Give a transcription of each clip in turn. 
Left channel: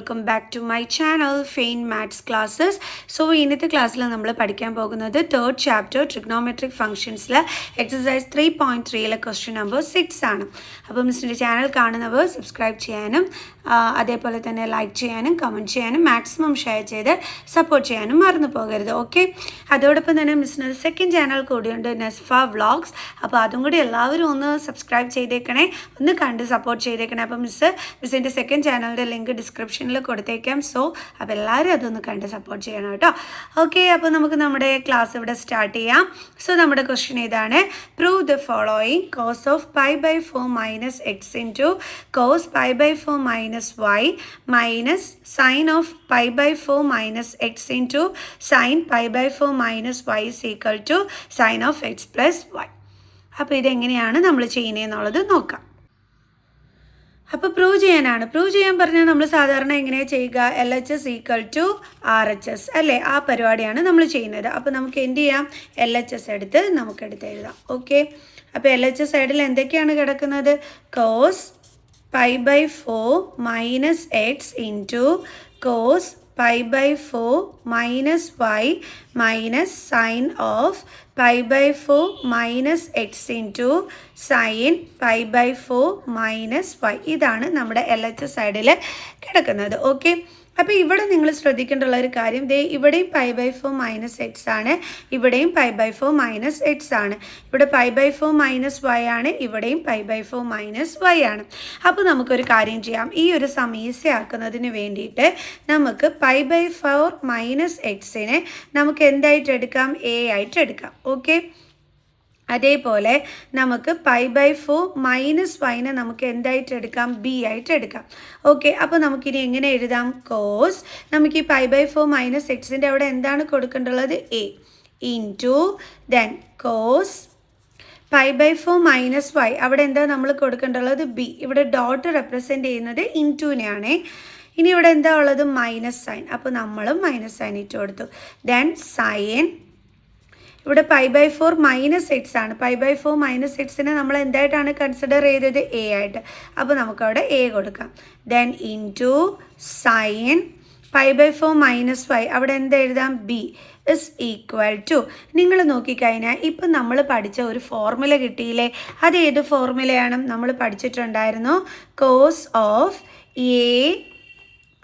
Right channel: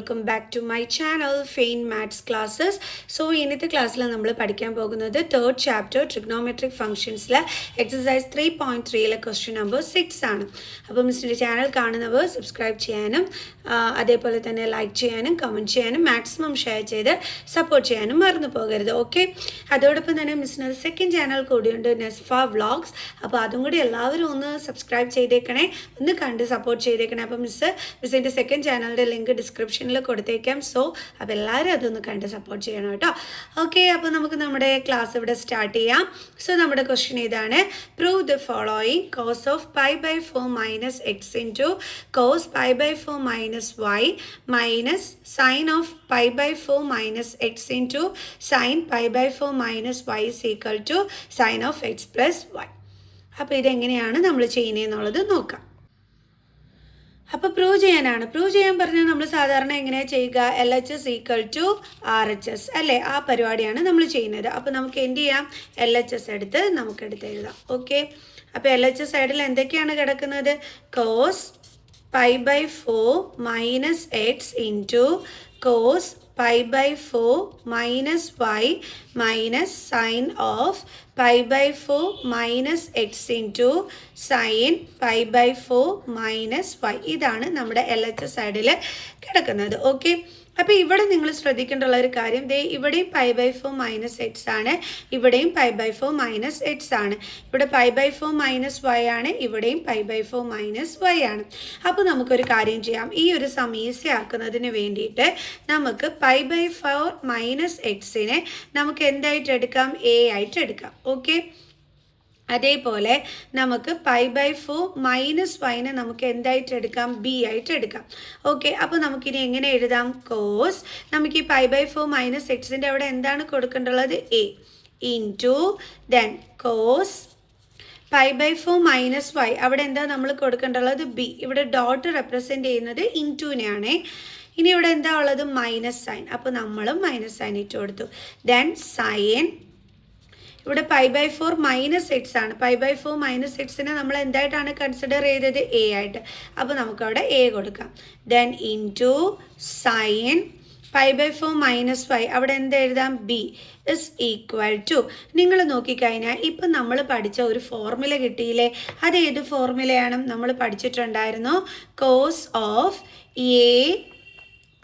welcome back to my channel Faint Maths Classes. So ഇന്നത്തെ ക്ലാസ്സിൽ നമ്മൾ പഠിക്കാൻ പോകുന്നത് third chapter Trigonometric Functionsലെ exercise 3.3ലെ question number 6 ആണ്. അപ്പോൾ മിസ്സിൻ്റെ ചാനൽ കാണുന്നവർ സബ്സ്ക്രൈബ് ചെയ്യാനും അതേപോലെ തന്നെ ലൈക്ക് ചെയ്യാനും കമൻറ്റ് ചെയ്യാനും മാക്സിമം ഷെയർ ചെയ്ത് സപ്പോർട്ട് ചെയ്യാനും മറന്നു പോകരുത്. ഓക്കെ, അതോടൊപ്പം തന്നെ മിസ്സിന് സെക്കൻഡ് ചാനൽ കൂടിയുണ്ട് നെസ്ഫ വ്ളോഗ്സ്. അപ്പോൾ അതും കൂടി എല്ലാവരും ഒന്ന് സബ്സ്ക്രൈബ് ചെയ്തേക്കണേ, ഒന്ന് കണ്ട് സപ്പോർട്ട് ചെയ്തേക്കണേ. അപ്പോൾ മിസ്സിൻ്റെ സെക്കൻഡ് ചാനലിൻ്റെ ലിങ്ക് ഡിസ്ക്രിപ്ഷനിൽ കൊടുത്തേക്കാം. സോ അപ്പോൾ എല്ലാവരും അതൊന്ന് കണ്ട് സപ്പോർട്ട് ചെയ്യണം കേട്ടോ. ഓക്കെ, അപ്പോൾ നമുക്ക് നമ്മുടെ ക്ലാസ് ഇവിടെ സ്റ്റാർട്ട് ചെയ്യാം. സോ നമ്മുടെ ക്വസ്റ്റ്യൻ ഇതാണ്: prove the following. Cos of pi by 4 minus x into cos pi by 4 minus y minus sine of pi by 4 minus x into sine pi by 4 minus y is equal to sine of x plus y. അപ്പോൾ ഇതെങ്ങനെയാണ് നമ്മൾ ചെയ്യുന്നതെന്നുള്ളത് നോക്കാം. അപ്പോൾ prove ചെയ്യാൻ പറഞ്ഞാൽ നമ്മൾ സാധാരണ എങ്ങനെയാണ് ചെയ്യുക? LHS ഈക്വൽ ടു RHS അല്ലേ, ആ പരിപാടിയാണ് നമ്മൾ ചെയ്യുന്നത്. അപ്പോൾ നമുക്ക് എന്ത് ചെയ്യാം? LHS എടുത്ത് നമുക്കെടുത്ത് എഴുതാം. ഓക്കെ, അപ്പോൾ LHS സൈഡിൽ എന്തൊക്കെയാണ് കിടക്കുന്നത്? Cos pi by 4 minus x into cos pi by 4 minus y minus sine of pi by 4 minus x into sine pi by 4 minus y. ഇതാണ് നമ്മുടെ LHS സൈഡിൽ കിടക്കുന്നത്. ഓക്കെ, അപ്പോൾ ഇവിടെ നിങ്ങൾ ശ്രദ്ധിക്കേണ്ടുള്ള ഒരു കാര്യം, ഇവിടെയും പൈ ബൈ 4 മൈനസ് എക്സ് ആണ്, ഇവിടെയും പൈ ബൈ 4 മൈനസ് എക്സ് ആണ്. ഇവിടെ പൈ ബൈ 4 മൈനസ് വൈ ആണ്, ഇവിടെയും പൈ ബൈ 4 മൈനസ് വൈ ആണ്. അപ്പോൾ നമുക്കൊരു കാര്യം ചെയ്യാം. ഈ ഒരു സം ഈസി ആക്കുന്നതിന് വേണ്ടിയിട്ട് നമുക്ക് പൈ ബൈ 4 മൈനസ് എക്സിനെ നമുക്ക് എന്തായിട്ട് എടുക്കാം? എ ആയിട്ട് എടുക്കാം. ഓക്കെ, അതേപോലെ നമുക്ക് പൈ ബൈ 4 മൈനസ് വൈനെ നമുക്ക് എന്തായിട്ട് എടുക്കാം? ബി ആയിട്ട് എടുക്കാം. ഓക്കെ, അപ്പോൾ നമുക്കിനി എങ്ങനെ എഴുതാം? കോസ്, നമുക്ക് ഈ പൈ ബൈ 4 മൈനസ് എക്സിൻ്റെ അവിടെ എന്താണ് കൊടുക്കേണ്ടുള്ളത്? A into then cos pi by 4 minus y, അവിടെ എന്താ നമ്മൾ കൊടുക്കേണ്ടുള്ളത്? ബി. ഇവിടെ ഡോട്ട് റെപ്രസെൻറ്റ് ചെയ്യുന്നത് ഇൻറ്റുവിനെയാണ്. ഇനി ഇവിടെ എന്താ ഉള്ളത്? Minus sign. അപ്പോൾ നമ്മളും മൈനസ് സൈൻ ഇട്ട് കൊടുത്തു. ദെൻ സൈൻ, ഇവിടെ പൈ ബൈ 4 മൈനസ് എക്സ് ആണ്. പൈ ബൈ 4 മൈനസ് എക്സിനെ നമ്മൾ എന്തായിട്ടാണ് കൺസിഡർ ചെയ്തത്? എ ആയിട്ട്. അപ്പോൾ നമുക്കവിടെ എ കൊടുക്കാം. Then into sine pi by 4 minus y, അവിടെ എന്താ എഴുതാം? ബി ഇസ് ഈക്വൽ ടു, നിങ്ങൾ നോക്കിക്കഴിഞ്ഞാൽ ഇപ്പം നമ്മൾ പഠിച്ച ഒരു ഫോർമുല കിട്ടിയില്ലേ? അത് ഏത് ഫോർമുലയാണ്? നമ്മൾ പഠിച്ചിട്ടുണ്ടായിരുന്നു. Cos of A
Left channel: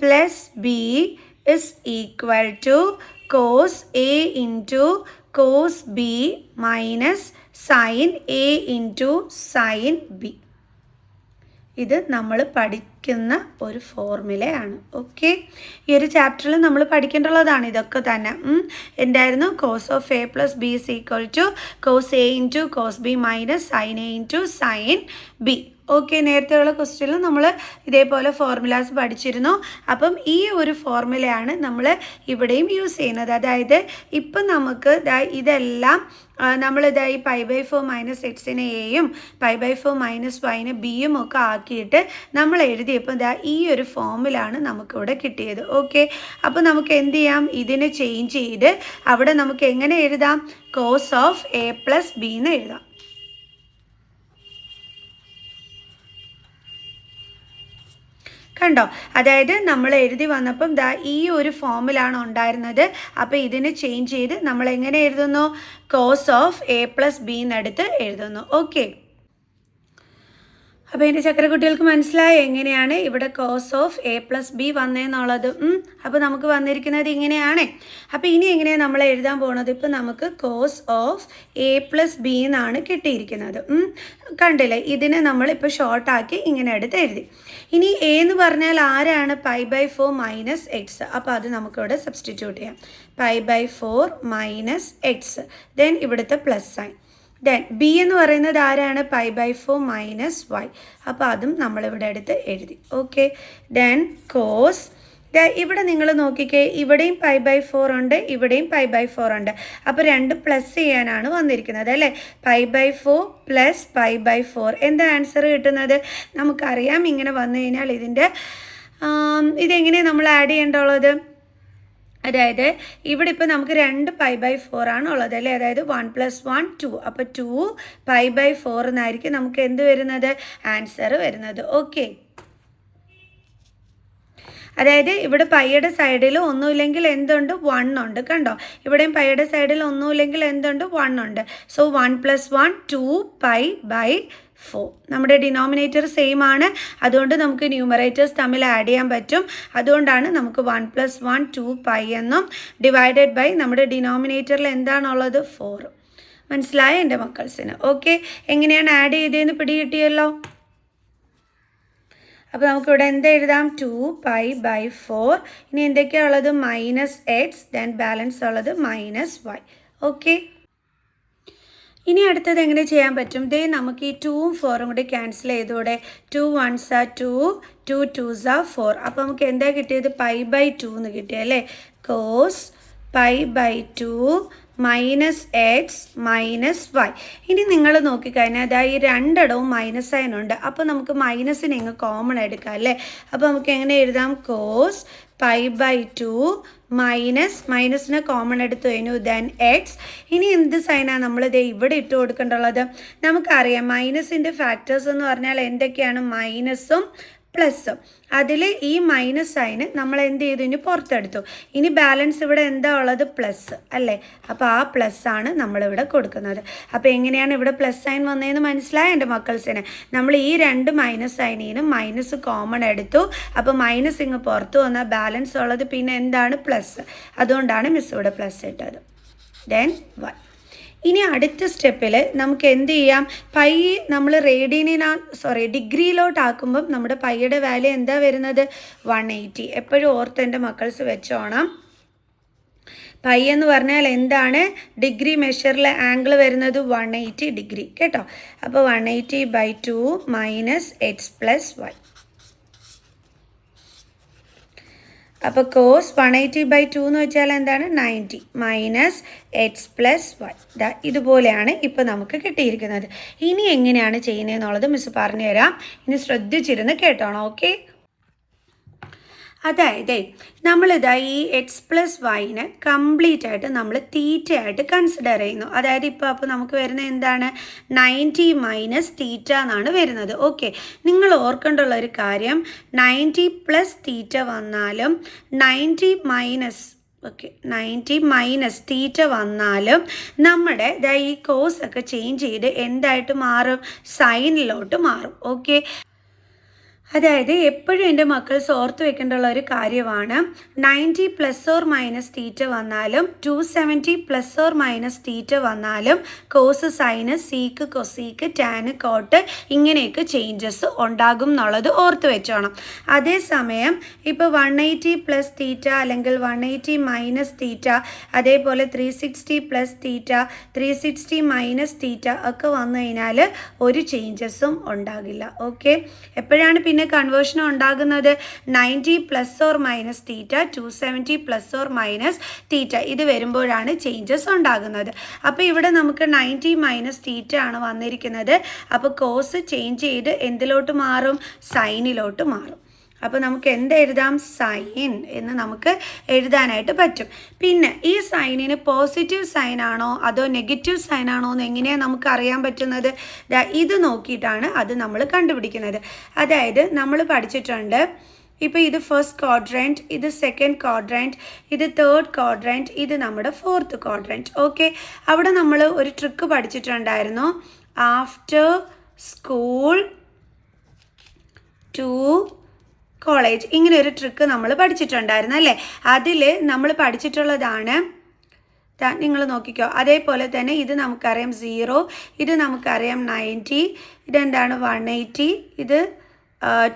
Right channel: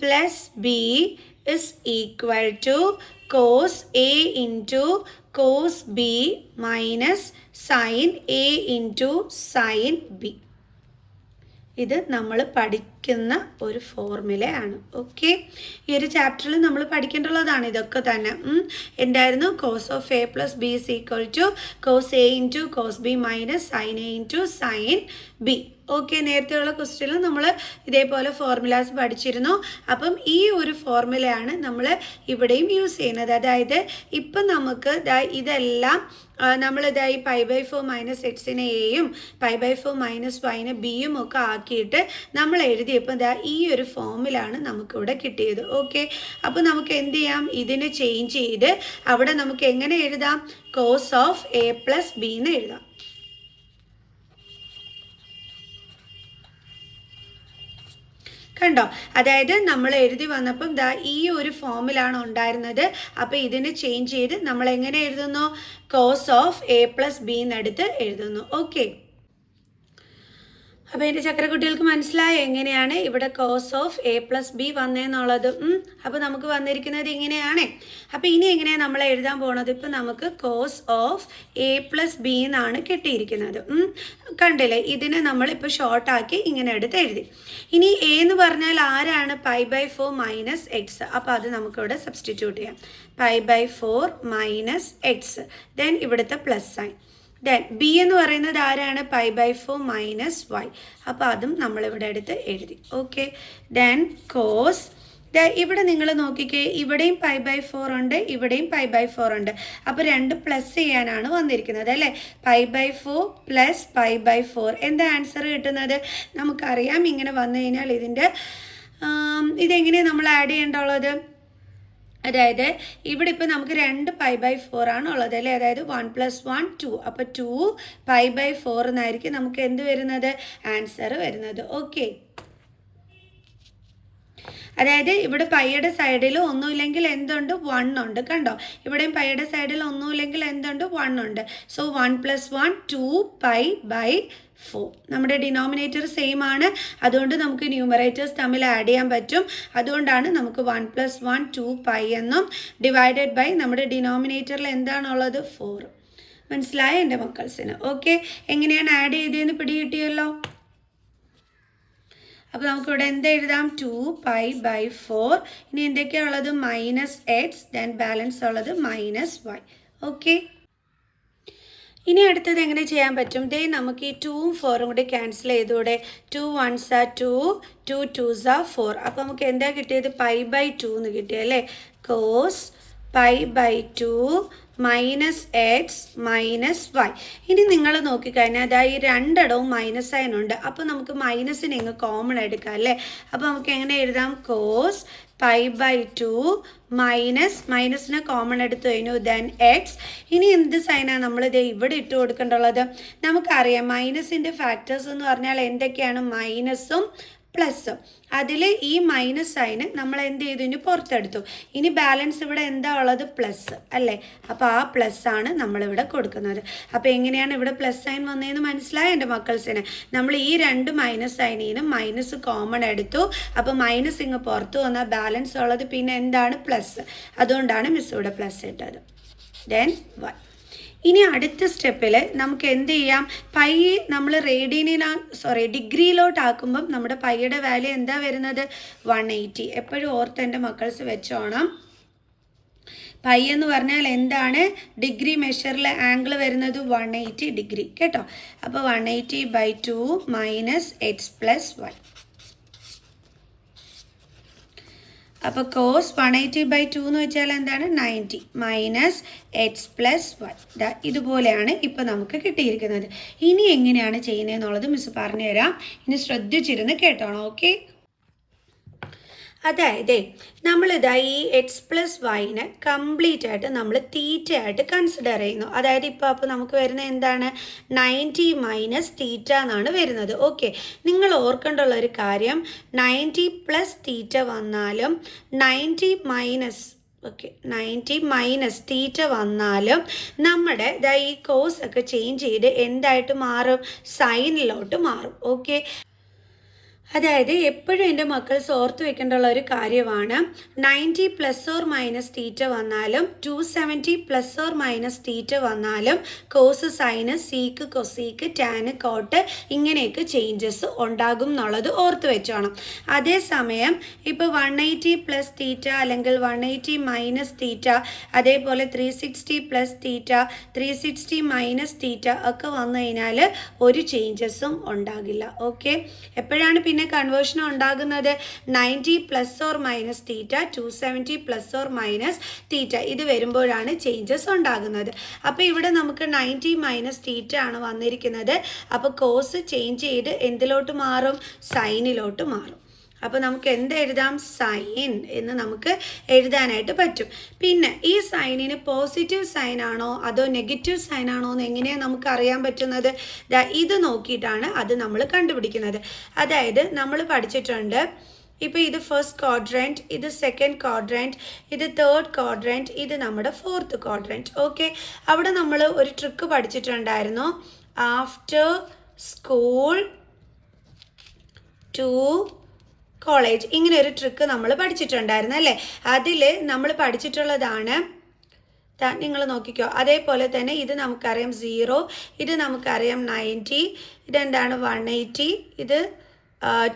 plus B is equal to cos A into cos B minus sine A into sine b. ഇത് നമ്മൾ പഠിക്കുന്ന ഒരു ഫോർമുലയാണ്. ഓക്കെ, ഈ ഒരു ചാപ്റ്ററിൽ നമ്മൾ പഠിക്കേണ്ടുള്ളതാണ് ഇതൊക്കെ തന്നെ. എന്തായിരുന്നു? Cos of A plus B is equal to cos A into cos B minus sine A into sine B. Okay, നേരത്തെയുള്ള ക്വസ്റ്റ്യനിൽ നമ്മൾ ഇതേപോലെ ഫോർമുലാസ് പഠിച്ചിരുന്നു. അപ്പം ഈ ഒരു ഫോർമുലയാണ് നമ്മൾ ഇവിടെയും യൂസ് ചെയ്യുന്നത്. അതായത് ഇപ്പം നമുക്ക് ഇതെല്ലാം നമ്മളിതായി പൈ ബൈ 4 മൈനസ് എക്സിനെ എയും പൈ ബൈ 4 മൈനസ് വൈനെ ബിയും ഒക്കെ ആക്കിയിട്ട് നമ്മൾ എഴുതിയപ്പോൾ ഈ ഒരു ഫോമിലാണ് നമുക്കിവിടെ കിട്ടിയത്. ഓക്കെ, അപ്പോൾ നമുക്ക് എന്ത് ചെയ്യാം? ഇതിനെ ചേഞ്ച് ചെയ്ത് അവിടെ നമുക്ക് എങ്ങനെ എഴുതാം? Cos of A plus B എന്ന് എഴുതാം. കണ്ടോ? അതായത് നമ്മൾ എഴുതി വന്നപ്പം ഈ ഒരു ഫോമിലാണ് ഉണ്ടായിരുന്നത്. അപ്പോൾ ഇതിനെ ചേഞ്ച് ചെയ്ത് നമ്മൾ എങ്ങനെ എഴുതുന്നു? Cos of A plus b എന്നെടുത്ത് എഴുതുന്നു. ഓക്കെ, അപ്പോൾ എൻ്റെ ചക്കരക്കുട്ടികൾക്ക് മനസ്സിലായോ എങ്ങനെയാണ് ഇവിടെ cos of A plus b വന്നതെന്നുള്ളത്? അപ്പോൾ നമുക്ക് വന്നിരിക്കുന്നത് ഇങ്ങനെയാണ്. അപ്പോൾ ഇനി എങ്ങനെയാണ് നമ്മൾ എഴുതാൻ പോകുന്നത്? ഇപ്പം നമുക്ക് cos of A plus B എന്നാണ് കിട്ടിയിരിക്കുന്നത്. കണ്ടില്ലേ? ഇതിനെ നമ്മളിപ്പോൾ ഷോർട്ടാക്കി ഇങ്ങനെ എടുത്ത് എഴുതി. ഇനി എ എന്ന് പറഞ്ഞാൽ ആരാണ്? Pi by 4 minus x. അപ്പോൾ അത് നമുക്കിവിടെ സബ്സ്റ്റിറ്റ്യൂട്ട് ചെയ്യാം. Pi by 4 minus x, then ഇവിടുത്തെ പ്ലസ് സൈൻ. ദെൻ ബി എന്ന് പറയുന്നത് ആരാണ്? Pi by 4 minus y. അപ്പോൾ അതും നമ്മളിവിടെ എടുത്ത് എഴുതി. ഓക്കെ, ദെൻ കോസ്, ഇവിടെ നിങ്ങൾ നോക്കിക്കേ, ഇവിടെയും പൈ ബൈ 4 ഉണ്ട്, ഇവിടെയും പൈ ബൈ 4 ഉണ്ട്. അപ്പോൾ രണ്ട് പ്ലസ് ചെയ്യാനാണ് വന്നിരിക്കുന്നത് അല്ലേ? Pi by 4 plus pi by 4. എന്താ ആൻസർ കിട്ടുന്നത്? നമുക്കറിയാം ഇങ്ങനെ വന്നു കഴിഞ്ഞാൽ ഇതെങ്ങനെയാണ് നമ്മൾ ആഡ് ചെയ്യേണ്ടുള്ളത്? അതായത് ഇവിടെ ഇപ്പോൾ നമുക്ക് 2 പൈ ബൈ 4 ആണ് ഉള്ളത് അല്ലേ? അതായത് 1 + 1 2. അപ്പോൾ 2 പൈ ബൈ 4 എന്നായിരിക്കും നമുക്ക് എന്ത് വരുന്നത്? ആൻസർ വരുന്നത്. ഓക്കെ, അതായത് ഇവിടെ പൈയുടെ സൈഡിൽ ഒന്നുമില്ലെങ്കിൽ എന്തുണ്ട് 1 ഉണ്ട് കണ്ടോ. ഇവിടെയും പൈയുടെ സൈഡിൽ ഒന്നുമില്ലെങ്കിൽ എന്തുണ്ട് 1 ഉണ്ട്. സോ 1 + 1 2π/4. നമ്മുടെ ഡിനോമിനേറ്റർ സെയിം ആണ്, അതുകൊണ്ട് നമുക്ക് ന്യൂമറേറ്റേഴ്സ് തമ്മിൽ ആഡ് ചെയ്യാൻ പറ്റും. അതുകൊണ്ടാണ് നമുക്ക് 1 + 1 2π എന്നും ഡിവൈഡഡ് ബൈ നമ്മുടെ ഡിനോമിനേറ്ററിൽ എന്താണുള്ളത് 4. മനസ്സിലായോ എൻ്റെ മക്കൾസിന്? ഓക്കെ, എങ്ങനെയാണ് ആഡ് ചെയ്തതെന്ന് പിടികിട്ടിയല്ലോ. അപ്പോൾ നമുക്കിവിടെ എന്ത് എഴുതാം? 2π/4. ഇനി എന്തൊക്കെയാണ് ഉള്ളത്? -x, ദെൻ ബാലൻസ് ഉള്ളത് -y. ഓക്കെ, ഇനി അടുത്തത് എങ്ങനെ ചെയ്യാൻ പറ്റും? ദേ നമുക്ക് ഈ 2ഉം 4ഉം കൂടി ക്യാൻസൽ ചെയ്തൂടെ? 2 1s are 2, 2 2s are 4. അപ്പോൾ നമുക്ക് എന്താ കിട്ടിയത്? π/2 എന്ന് കിട്ടിയല്ലേ. cos π/2 -x -y. ഇനി നിങ്ങൾ നോക്കിക്കഴിഞ്ഞാൽ അതായത് ഈ രണ്ടിടവും മൈനസ് സൈൻ ഉണ്ട്. അപ്പോൾ നമുക്ക് മൈനസിനെ ഇങ്ങ് കോമൺ എടുക്കാം അല്ലേ. അപ്പോൾ നമുക്ക് എങ്ങനെ എഴുതാം? cos π/2 മൈനസിനെ കോമൺ എടുത്തു കഴിഞ്ഞു, ദെൻ എക്സ്. ഇനി എന്ത് സൈനാണ് നമ്മൾ ഇത് ഇവിടെ ഇട്ട് കൊടുക്കേണ്ടുള്ളത്? നമുക്കറിയാം മൈനസിൻ്റെ ഫാക്ടേഴ്സ് എന്ന് പറഞ്ഞാൽ എന്തൊക്കെയാണ്? മൈനസും പ്ലസ്സും. അതിൽ ഈ മൈനസ് സൈന് നമ്മൾ എന്ത് ചെയ്തു? ഇനി പുറത്തെടുത്തു. ഇനി ബാലൻസ് ഇവിടെ എന്താ ഉള്ളത്? പ്ലസ് അല്ലേ. അപ്പോൾ ആ പ്ലസ് ആണ് നമ്മളിവിടെ കൊടുക്കുന്നത്. അപ്പോൾ എങ്ങനെയാണ് ഇവിടെ പ്ലസ് സൈൻ വന്നതെന്ന് മനസ്സിലായ എൻ്റെ മക്കൾസിന്? നമ്മൾ ഈ രണ്ട് മൈനസ് സൈനീനും മൈനസ് കോമൺ എടുത്തു. അപ്പോൾ മൈനസ് ഇങ്ങ് പുറത്ത് വന്നാൽ ബാലൻസ് ഉള്ളത് പിന്നെ എന്താണ്? പ്ലസ്. അതുകൊണ്ടാണ് മിസ് ഇവിടെ പ്ലസ് ഇട്ടത്. Then y. ഇനി അടുത്ത സ്റ്റെപ്പിൽ നമുക്ക് എന്ത് ചെയ്യാം? പൈ നമ്മൾ ഡിഗ്രിയിലോട്ടാക്കുമ്പം നമ്മുടെ പൈയുടെ വാല്യൂ എന്താ വരുന്നത്? 180. എപ്പോഴും ഓർത്ത് എൻ്റെ മക്കൾസ് വെച്ചോണം. പൈ എന്ന് പറഞ്ഞാൽ എന്താണ്? ഡിഗ്രി മെഷറിൽ ആംഗിൾ വരുന്നത് 180 ഡിഗ്രി കേട്ടോ. അപ്പോൾ 180/2 -x + y. അപ്പോൾ cos 180/2 എന്ന് വെച്ചാൽ എന്താണ്? 90 -x + y. ഇതുപോലെയാണ് ഇപ്പോൾ നമുക്ക് കിട്ടിയിരിക്കുന്നത്. ഇനി എങ്ങനെയാണ് ചെയ്യുന്നതെന്നുള്ളത് മിസ് പറഞ്ഞുതരാം. ഇനി ശ്രദ്ധിച്ചിരുന്ന് കേട്ടോണം. ഓക്കെ, അതായത് നമ്മളിതാ ഈ എക്സ് പ്ലസ് വൈനെ കംപ്ലീറ്റ് ആയിട്ട് നമ്മൾ തീറ്റയായിട്ട് കൺസിഡർ ചെയ്യുന്നു. അതായത് അപ്പോൾ നമുക്ക് വരുന്ന എന്താണ്? 90 - തീറ്റ എന്നാണ് വരുന്നത്. ഓക്കെ, നിങ്ങൾ ഓർക്കേണ്ടുള്ള ഒരു കാര്യം 90 + തീറ്റ വന്നാലും 90 - തീറ്റ വന്നാലും നമ്മുടെ ഈ കോസ് ഒക്കെ ചേഞ്ച് ചെയ്ത് എന്തായിട്ട് മാറും? സൈനിലോട്ട് മാറും. ഓക്കെ, അതായത് എപ്പോഴും എൻ്റെ മക്കൾസ് ഓർത്ത് വെക്കേണ്ടുള്ള ഒരു കാര്യമാണ് 90 ± തീറ്റ വന്നാലും 270 ± തീറ്റ വന്നാലും cos sine sec cosec tan cot ഇങ്ങനെയൊക്കെ ചേഞ്ചസ് ഉണ്ടാകും എന്നുള്ളത് ഓർത്ത് വെച്ചോണം. അതേസമയം ഇപ്പോൾ 180 + തീറ്റ അല്ലെങ്കിൽ 180 - തീറ്റ, അതേപോലെ 360 + തീറ്റ, 360 - തീറ്റ ഒക്കെ വന്നു കഴിഞ്ഞാൽ ഒരു ചേഞ്ചസും ഉണ്ടാകില്ല. ഓക്കെ, എപ്പോഴാണ് പിന്നെ കൺവേർഷൻ ഉണ്ടാകുന്നത്? 90 ± തീറ്റ, 270 ± തീറ്റ ഇത് വരുമ്പോഴാണ് ചേഞ്ചസ് ഉണ്ടാകുന്നത്. അപ്പോൾ ഇവിടെ നമുക്ക് 90 - തീറ്റ ആണ് വന്നിരിക്കുന്നത്. അപ്പോൾ കോസ് ചേഞ്ച് ചെയ്ത് എന്തിലോട്ട് മാറും? സൈനിലോട്ട് മാറും. അപ്പോൾ നമുക്ക് എന്തെഴുതാം? സൈൻ എന്ന് നമുക്ക് എഴുതാനായിട്ട് പറ്റും. പിന്നെ ഈ സൈനിന് പോസിറ്റീവ് സൈൻ ആണോ അതോ നെഗറ്റീവ് സൈൻ ആണോ എന്ന് എങ്ങനെയാണ് നമുക്ക് അറിയാൻ പറ്റുന്നത്? ഇത് നോക്കിയിട്ടാണ് അത് നമ്മൾ കണ്ടുപിടിക്കുന്നത്. അതായത് നമ്മൾ പഠിച്ചിട്ടുണ്ട്, ഇപ്പോൾ ഇത് ഫസ്റ്റ് ക്വാഡ്രൻറ്റ്, ഇത് സെക്കൻഡ് ക്വാഡ്രൻറ്റ്, ഇത് തേർഡ് ക്വാഡ്രൻറ്റ്, ഇത് നമ്മുടെ ഫോർത്ത് ക്വാഡ്രൻറ്റ്. ഓക്കെ, അവിടെ നമ്മൾ ഒരു ട്രിക്ക് പഠിച്ചിട്ടുണ്ടായിരുന്നു. ആഫ്റ്റർ സ്കൂൾ ടു കോളേജ്, ഇങ്ങനെ ഒരു ട്രിക്ക് നമ്മൾ പഠിച്ചിട്ടുണ്ടായിരുന്നു അല്ലേ. അതിൽ നമ്മൾ പഠിച്ചിട്ടുള്ളതാണ്, നിങ്ങൾ നോക്കിക്കോ. അതേപോലെ തന്നെ ഇത് നമുക്കറിയാം 0, ഇത് നമുക്കറിയാം 90, ഇതെന്താണ് 180, ഇത്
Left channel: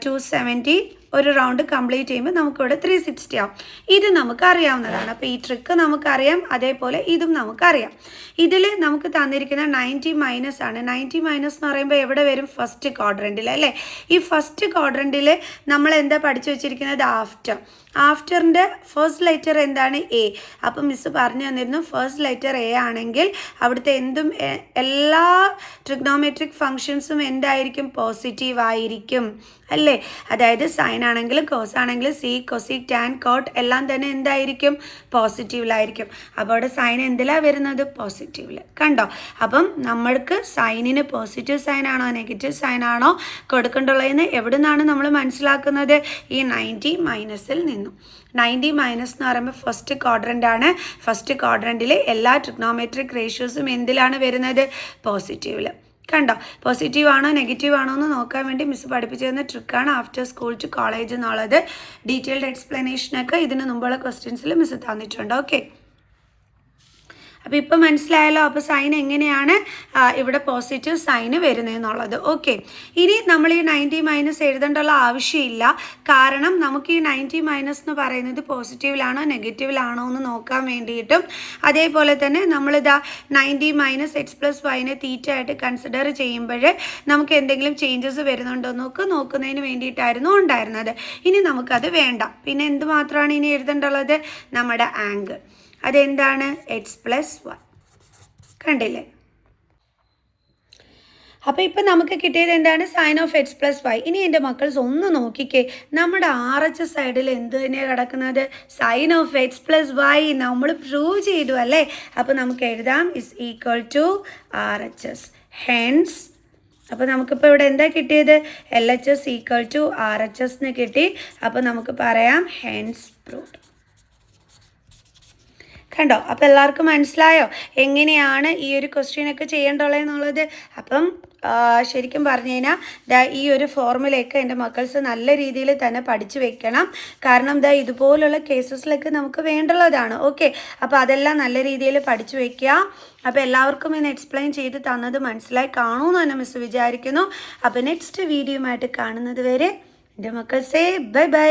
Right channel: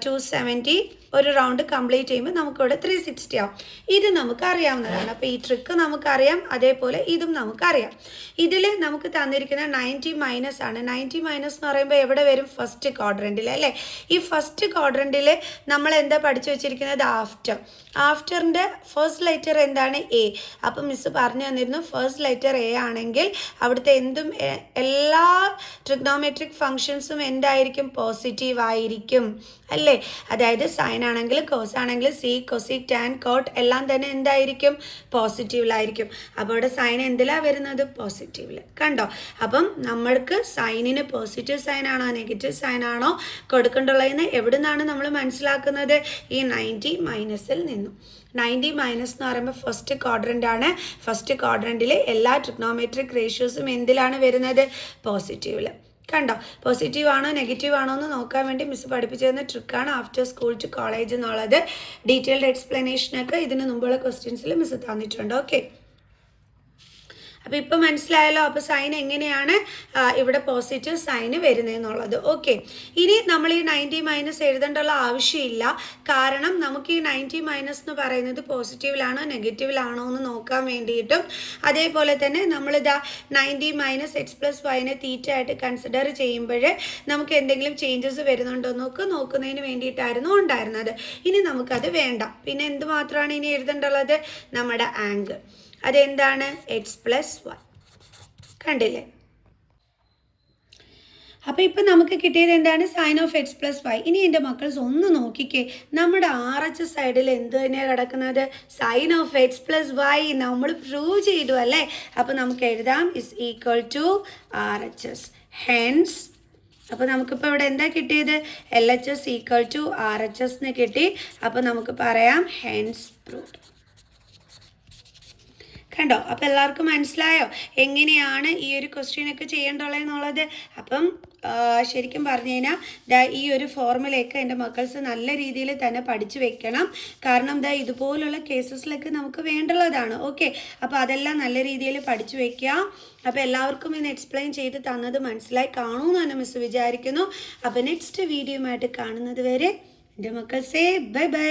270. ഒരു റൗണ്ട് കംപ്ലീറ്റ് ചെയ്യുമ്പോൾ നമുക്കിവിടെ 360 ആവും. ഇത് നമുക്ക് അറിയാവുന്നതാണ്. അപ്പോൾ ഈ ട്രിക്ക് നമുക്കറിയാം, അതേപോലെ ഇതും നമുക്കറിയാം. ഇതിൽ നമുക്ക് തന്നിരിക്കുന്ന 90 ആണ്. 90 എന്ന് പറയുമ്പോൾ എവിടെ വരും? ഫസ്റ്റ് ക്വാഡ്രൻറ്റിൽ അല്ലേ. ഈ ഫസ്റ്റ് ക്വാഡ്രൻറ്റിൽ നമ്മൾ എന്താ പഠിച്ചു വെച്ചിരിക്കുന്നത്? ആഫ്റ്ററിൻ്റെ ഫസ്റ്റ് ലെറ്റർ എന്താണ്? എ. അപ്പം മിസ് പറഞ്ഞു തന്നിരുന്നു ഫസ്റ്റ് ലെറ്റർ എ ആണെങ്കിൽ അവിടുത്തെ എല്ലാ ട്രിഗ്നോമെട്രിക് ഫങ്ഷൻസും എന്തായിരിക്കും? പോസിറ്റീവ് ആയിരിക്കും അല്ലേ? അതായത് സൈൻ ആണെങ്കിലും കോസ് ആണെങ്കിലും സീക്ക് കൊസീക്ക് ടാൻ കോട്ട് എല്ലാം തന്നെ എന്തായിരിക്കും? പോസിറ്റീവിലായിരിക്കും. അപ്പോൾ അവിടെ സൈൻ എന്തിലാണ് വരുന്നത്? പോസിറ്റീവിൽ. കണ്ടോ? അപ്പം നമ്മൾക്ക് സൈനിന് പോസിറ്റീവ് സൈൻ ആണോ നെഗറ്റീവ് സൈൻ ആണോ കൊടുക്കേണ്ടുള്ളതെന്ന് എവിടെ നിന്നാണ് നമ്മൾ മനസ്സിലാക്കുന്നത്? ഈ 90 മൈനസിൽ നിന്നും. 90 മൈനസ് എന്ന് പറയുമ്പോൾ ഫസ്റ്റ് ക്വാഡ്രൻ്റ് ആണ്. ഫസ്റ്റ് ക്വാഡ്രൻറ്റിൽ എല്ലാ ട്രിഗ്നോമെട്രിക് റേഷ്യോസും എന്തിലാണ് വരുന്നത്? പോസിറ്റീവിൽ. കണ്ടോ? പോസിറ്റീവ് ആണോ നെഗറ്റീവ് ആണോ എന്ന് നോക്കാൻ വേണ്ടി മിസ് പഠിപ്പിച്ചു തരുന്ന ട്രിക്കാണ് ആഫ്റ്റർ സ്കൂൾ ടു കോളേജ് എന്നുള്ളത്. ഡീറ്റെയിൽഡ് എക്സ്പ്ലനേഷനൊക്കെ ഇതിന് മുമ്പുള്ള ക്വസ്റ്റ്യൻസിൽ മിസ് തന്നിട്ടുണ്ട്. ഓക്കെ, അപ്പോൾ ഇപ്പം മനസ്സിലായല്ലോ. അപ്പോൾ സൈൻ എങ്ങനെയാണ് ഇവിടെ പോസിറ്റീവ് സൈന് വരുന്നതെന്നുള്ളത്. ഓക്കെ, ഇനി നമ്മൾ ഈ 90 മൈനസ് എഴുതേണ്ടുള്ള ആവശ്യമില്ല. കാരണം നമുക്ക് ഈ 90 മൈനസ് എന്ന് പറയുന്നത് പോസിറ്റീവിലാണോ നെഗറ്റീവിലാണോ എന്ന് നോക്കാൻ വേണ്ടിയിട്ടും അതേപോലെ തന്നെ നമ്മളിതാ 90 മൈനസ് എക്സ് പ്ലസ് വൈനെ തീറ്റ ആയിട്ട് കൺസിഡർ ചെയ്യുമ്പോൾ നമുക്ക് എന്തെങ്കിലും ചേഞ്ചസ് വരുന്നുണ്ടോ നോക്കുന്നതിന് വേണ്ടിയിട്ടായിരുന്നു ഉണ്ടായിരുന്നത്. ഇനി നമുക്കത് വേണ്ട. പിന്നെ എന്ത് മാത്രമാണ് ഇനി എഴുതേണ്ടുള്ളത്? നമ്മുടെ ആംഗിൾ. അതെന്താണ്? X plus y. കണ്ടില്ലേ? അപ്പോൾ ഇപ്പം നമുക്ക് കിട്ടിയത് എന്താണ്? Sine of x plus y. ഇനി എൻ്റെ മക്കൾസ് ഒന്ന് നോക്കിക്കേ, നമ്മുടെ RHS സൈഡിൽ എന്ത് തന്നെയാണ് കിടക്കുന്നത്? Sine of x plus y. നമ്മൾ പ്രൂവ് ചെയ്തു അല്ലേ? അപ്പോൾ നമുക്ക് എഴുതാം is equal to RHS. Hence അപ്പോൾ നമുക്കിപ്പോൾ ഇവിടെ എന്താ കിട്ടിയത്? LHS ഈക്വൽ ടു RHS എന്ന് കിട്ടി. അപ്പോൾ നമുക്ക് പറയാം ഹെൻസ് പ്രൂവ്ഡ്. കണ്ടോ? അപ്പോൾ എല്ലാവർക്കും മനസ്സിലായോ എങ്ങനെയാണ് ഈ ഒരു ക്വസ്റ്റ്യനൊക്കെ ചെയ്യേണ്ടുള്ളതെന്നുള്ളത്? അപ്പം ശരിക്കും പറഞ്ഞു കഴിഞ്ഞാൽ ഈ ഒരു ഫോർമുലയൊക്കെ എൻ്റെ മക്കൾസ് നല്ല രീതിയിൽ തന്നെ പഠിച്ചു വെക്കണം. കാരണം ഇതുപോലുള്ള കേസസിലൊക്കെ നമുക്ക് വേണ്ടുള്ളതാണ്. ഓക്കെ, അപ്പോൾ അതെല്ലാം നല്ല രീതിയിൽ പഠിച്ചു വയ്ക്കുക. അപ്പോൾ എല്ലാവർക്കും ഇന്ന് എക്സ്പ്ലെയിൻ ചെയ്ത് തന്നത് മനസ്സിലായി കാണുമെന്ന് തന്നെ മിസ് വിചാരിക്കുന്നു. അപ്പോൾ നെക്സ്റ്റ് വീഡിയോയുമായിട്ട് കാണുന്നത് വരെ എൻ്റെ മക്കൾസേ ബൈ ബൈ.